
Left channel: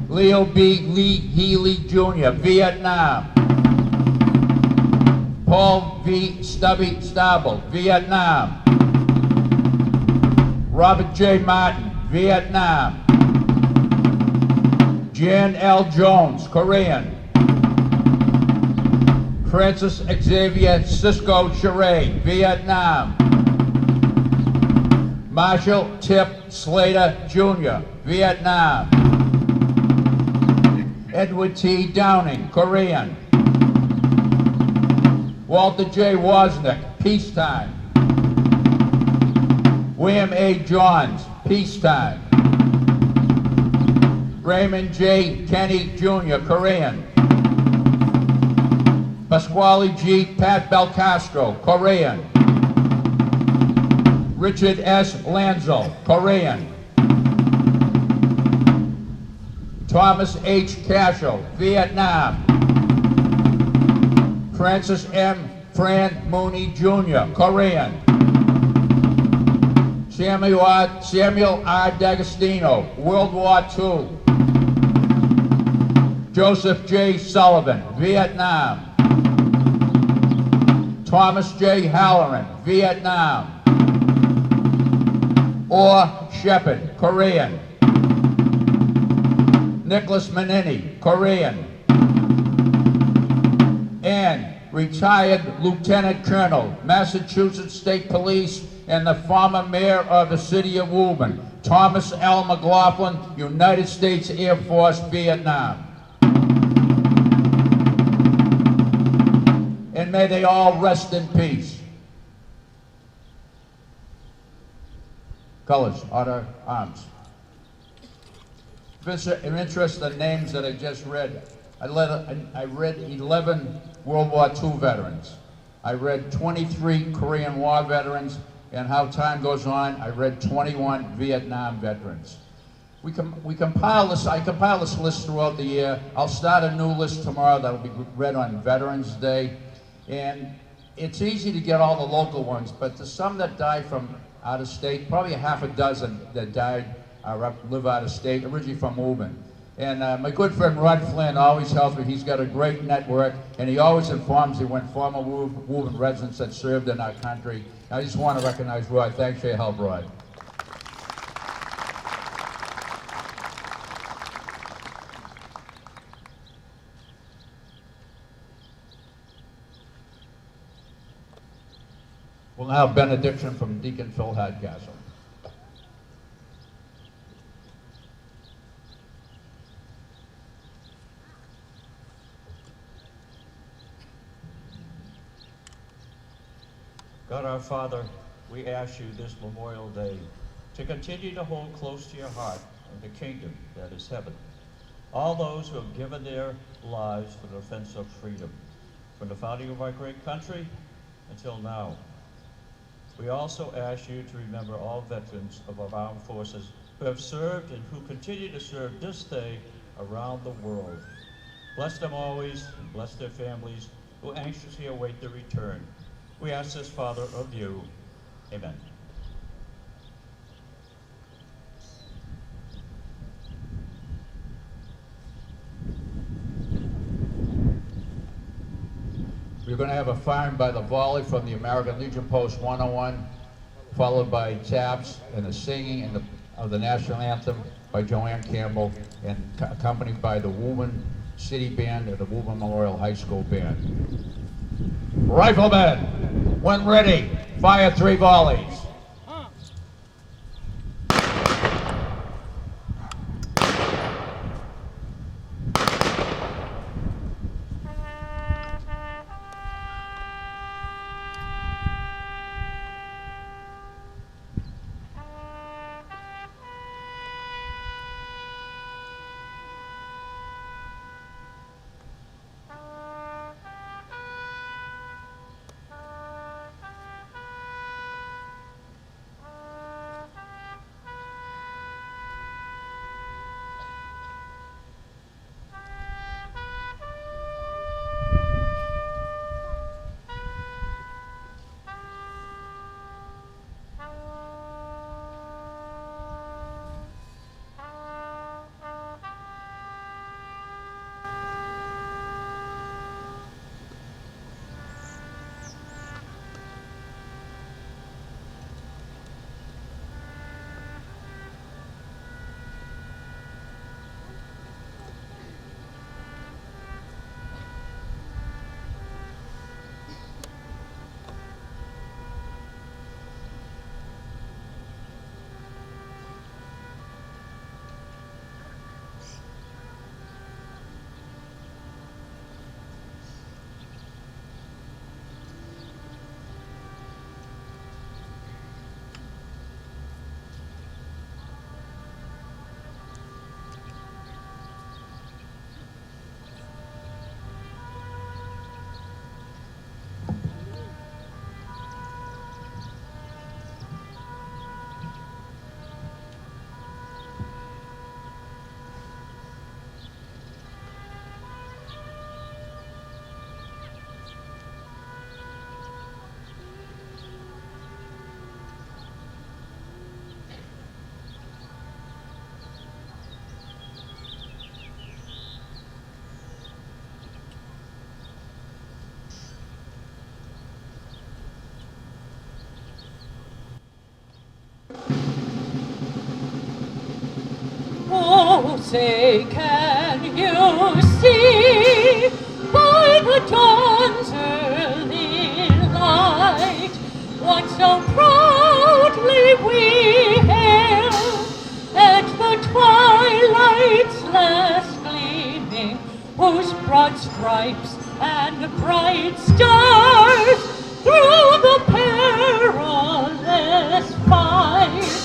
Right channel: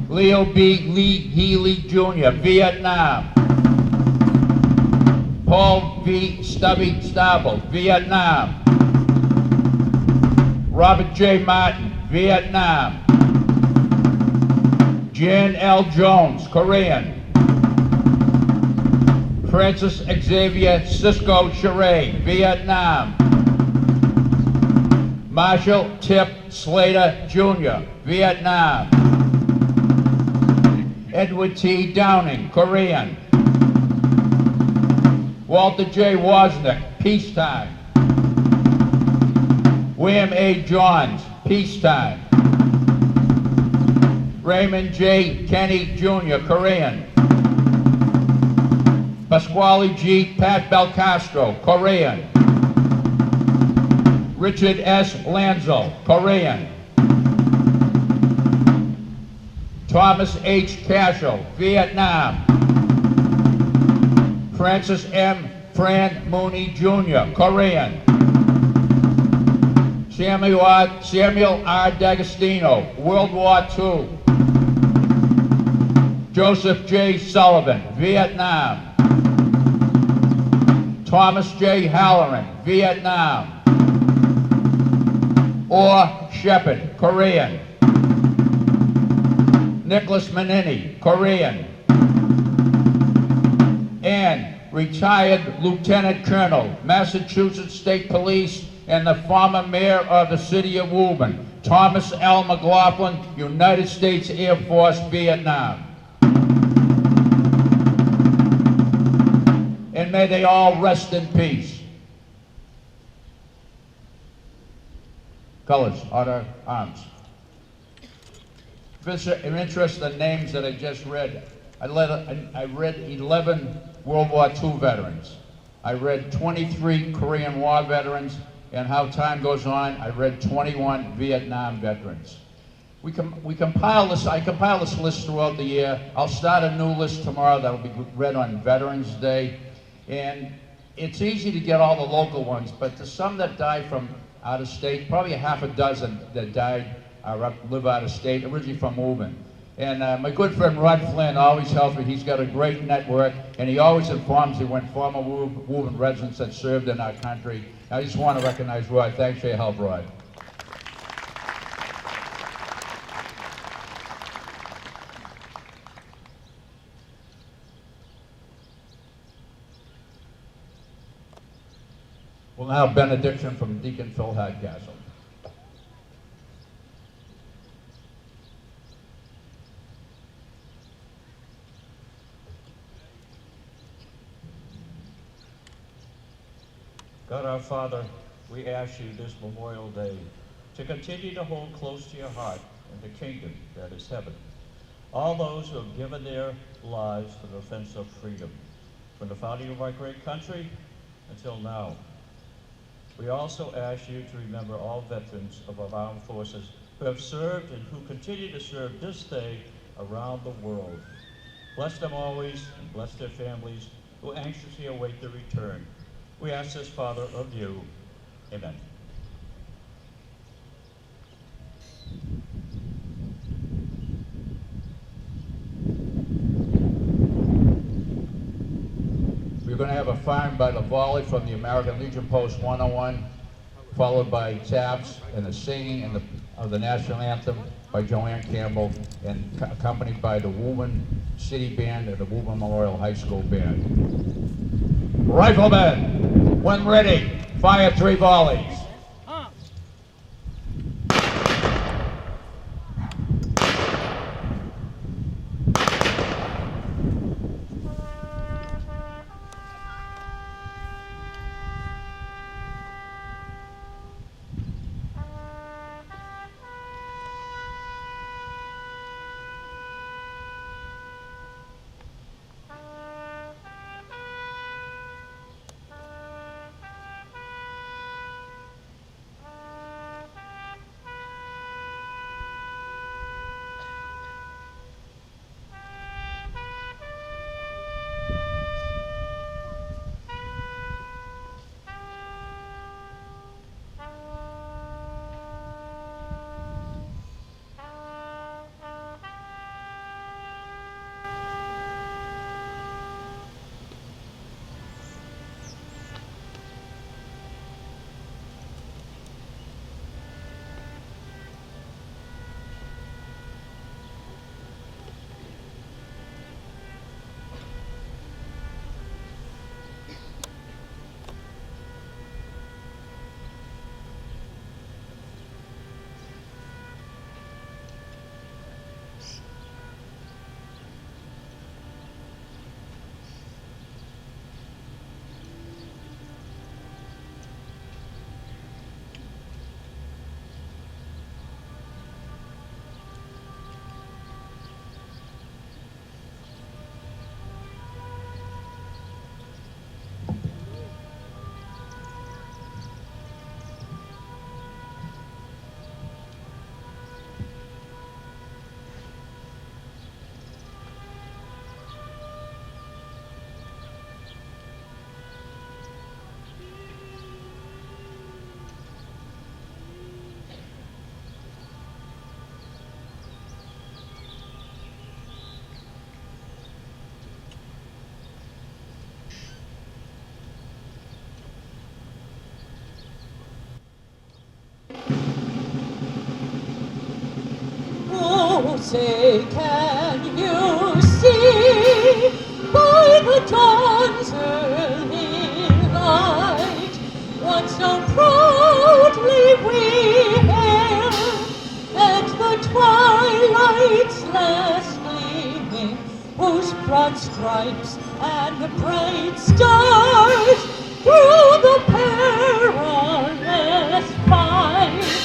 Leo B. Lee Healy Jr., Vietnam. Paul V. Stubby Stabile, Vietnam. Robert J. Martin, Vietnam. Jan L. Jones, Korean. Francis Xavier Cisco Charade, Vietnam. Marshall Tip Slater Jr., Vietnam. Edward T. Downing, Korean. Walter J. Wozniak, peacetime. William A. Johns, peacetime. Raymond J. Kenny Jr., Korean. Pasquale G. Pat Belcastro, Korean. Richard S. Lanzo, Korean. Thomas H. Cashel, Vietnam. Francis M. Fran Mooney Jr., Korean. Samuel R. D'Agostino, World War II. Joseph J. Sullivan, Vietnam. Thomas J. Halloran, Vietnam. Or Shepard, Korean. Nicholas Manini, Korean. And retired Lieutenant Colonel, Massachusetts State Police, and the former mayor of the city of Woburn, Thomas L. McLaughlin, United States Air Force, Vietnam. And may they all rest in peace. Colors, order, arms. If you're interested in the names that I just read, I read 11 World War II veterans. I read 23 Korean War veterans, and how time goes on, I read 21 Vietnam veterans. I compile this list throughout the year. I'll start a new list tomorrow that'll be read on Veterans Day. And it's easy to get all the local ones, but there's some that die from out of state, probably a half a dozen that died live out of state, originally from Woburn. And my good friend Rod Flynn always tells me he's got a great network, and he always informs me when former Woburn residents that served in our country. I just want to recognize Rod. Thanks for your help, Rod. We'll now have benediction from Deacon Phil Hardcastle. God our Father, we ask you this Memorial Day to continue to hold close to your heart in the kingdom that is heaven all those who have given their lives for the defense of freedom, from the founding of our great country until now. We also ask you to remember all veterans of our armed forces who have served and who continue to serve this day around the world. Bless them always and bless their families who anxiously await their return. We ask this, Father, of you. Amen. We're going to have a firing by the volley from the American Legion Post 101, followed by taps and the singing of the national anthem by Joanne Campbell, and accompanied by the Woburn City Band and the Woburn Memorial High School Band. Riflemen, when ready, fire 3 volleys. Say, can you see by the dawn's early light what so proudly we hailed at the twilight's last gleaming, whose broad stripes and bright stars through the perilous fight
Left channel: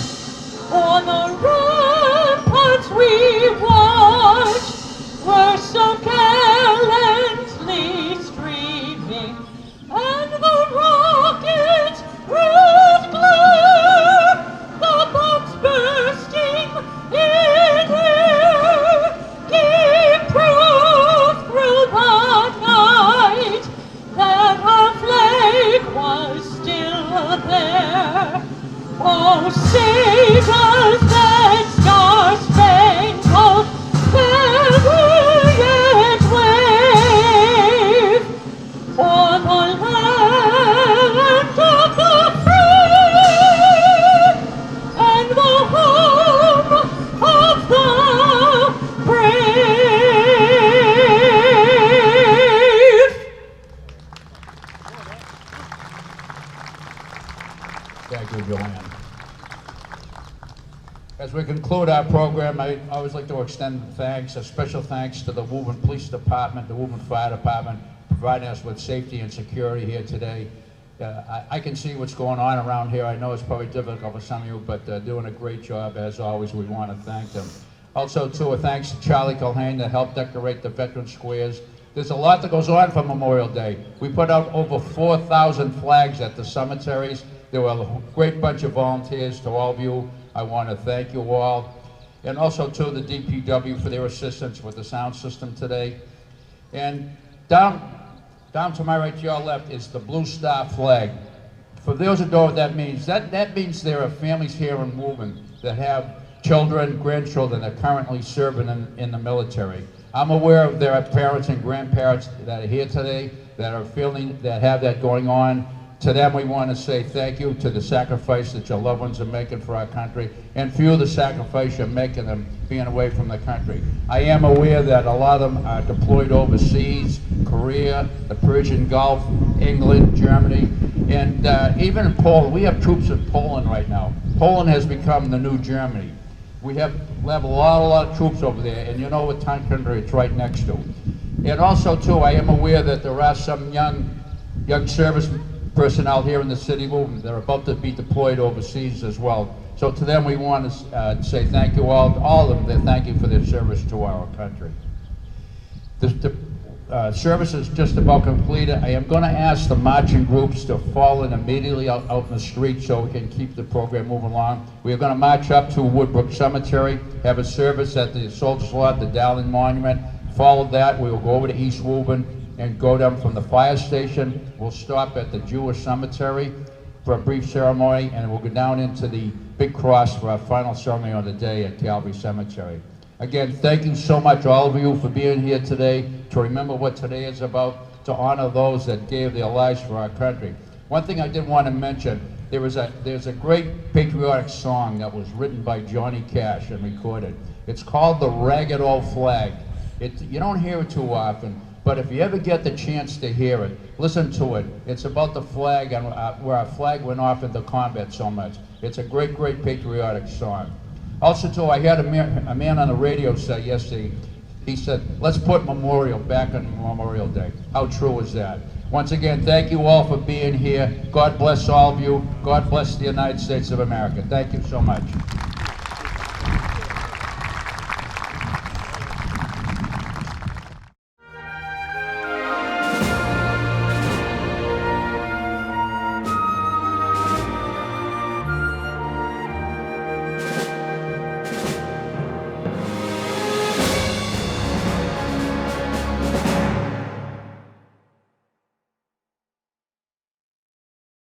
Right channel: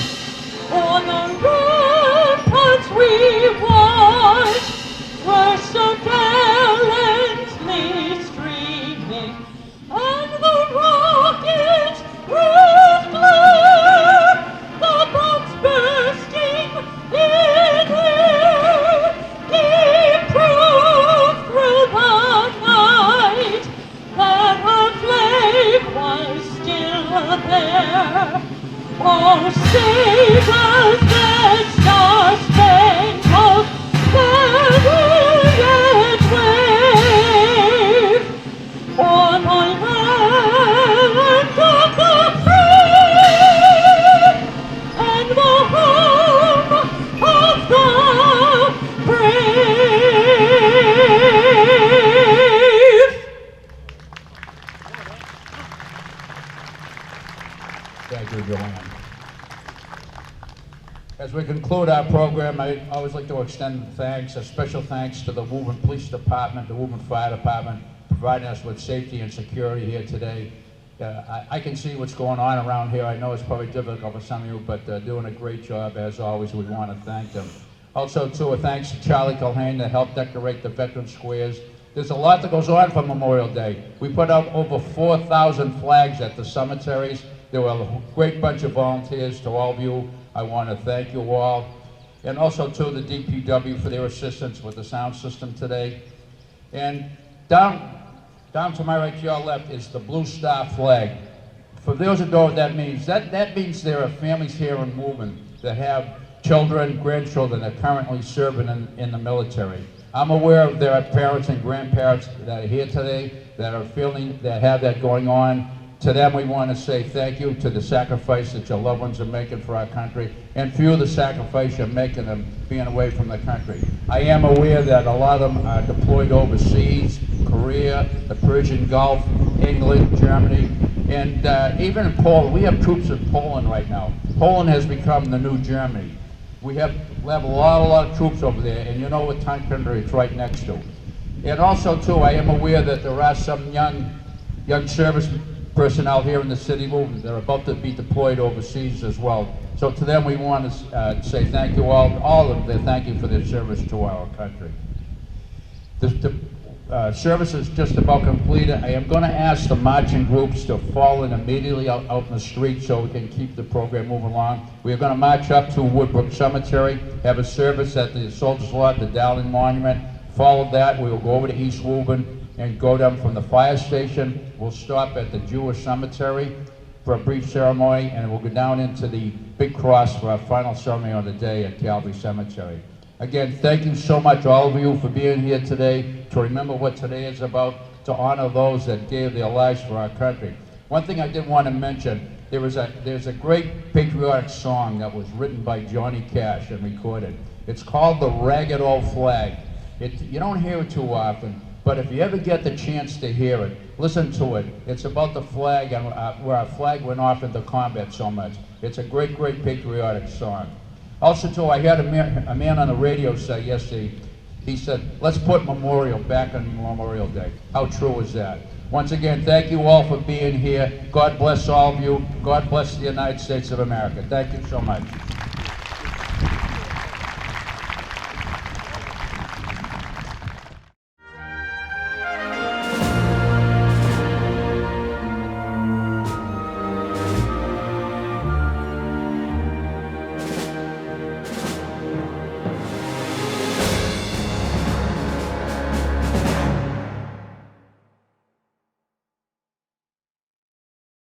on the ramparts we watched were so gallantly streaming, and the rockets' red glare, the bombs bursting in air, gave proof through the night that our flag was still there. Oh, say does that star-spangled banner yet wave on the land of the free and the home of the brave? Thank you, Joanne. As we conclude our program, I always like to extend thanks, a special thanks to the Woburn Police Department, the Woburn Fire Department, providing us with safety and security here today. I can see what's going on around here. I know it's probably difficult for some of you, but they're doing a great job as always. We want to thank them. Also, too, a thanks to Charlie Culhane that helped decorate the veteran squares. There's a lot that goes on for Memorial Day. We put out over 4,000 flags at the cemeteries. There were a great bunch of volunteers. To all of you, I want to thank you all. And also to the DPW for their assistance with the sound system today. And down to my right, to your left, is the Blue Star flag. For those who know what that means, that means there are families here in Woburn that have children, grandchildren that are currently serving in the military. I'm aware of there are parents and grandparents that are here today that are feeling, that have that going on. To them, we want to say thank you to the sacrifice that your loved ones are making for our country, and for you, the sacrifice you're making them being away from the country. I am aware that a lot of them are deployed overseas, Korea, the Persian Gulf, England, Germany, and even in Poland. We have troops in Poland right now. Poland has become the new Germany. We have a lot of troops over there, and you know what country it's right next to. And also, too, I am aware that there are some young service personnel here in the city of Woburn. They're about to be deployed overseas as well. So to them, we want to say thank you all of them. They thank you for their service to our country. The service is just about completed. I am going to ask the marching groups to fall in immediately out in the street so we can keep the program moving along. We are going to march up to Woodbrook Cemetery, have a service at the Soldiers Lot, the Dowling Monument. Follow that, we will go over to East Woburn and go down from the fire station. We'll stop at the Jewish cemetery for a brief ceremony, and we'll go down into the big cross for our final ceremony on the day at Calvary Cemetery. Again, thank you so much, all of you, for being here today, to remember what today is about, to honor those that gave their lives for our country. One thing I did want to mention, there's a great patriotic song that was written by Johnny Cash and recorded. It's called The Ragged Old Flag. You don't hear it too often, but if you ever get the chance to hear it, listen to it. It's about the flag and where our flag went off into combat so much. It's a great, great patriotic song. Also, too, I had a man on the radio say yesterday, he said, let's put Memorial back on Memorial Day. How true is that? Once again, thank you all for being here. God bless all of you. God bless the United States of America. Thank you so much.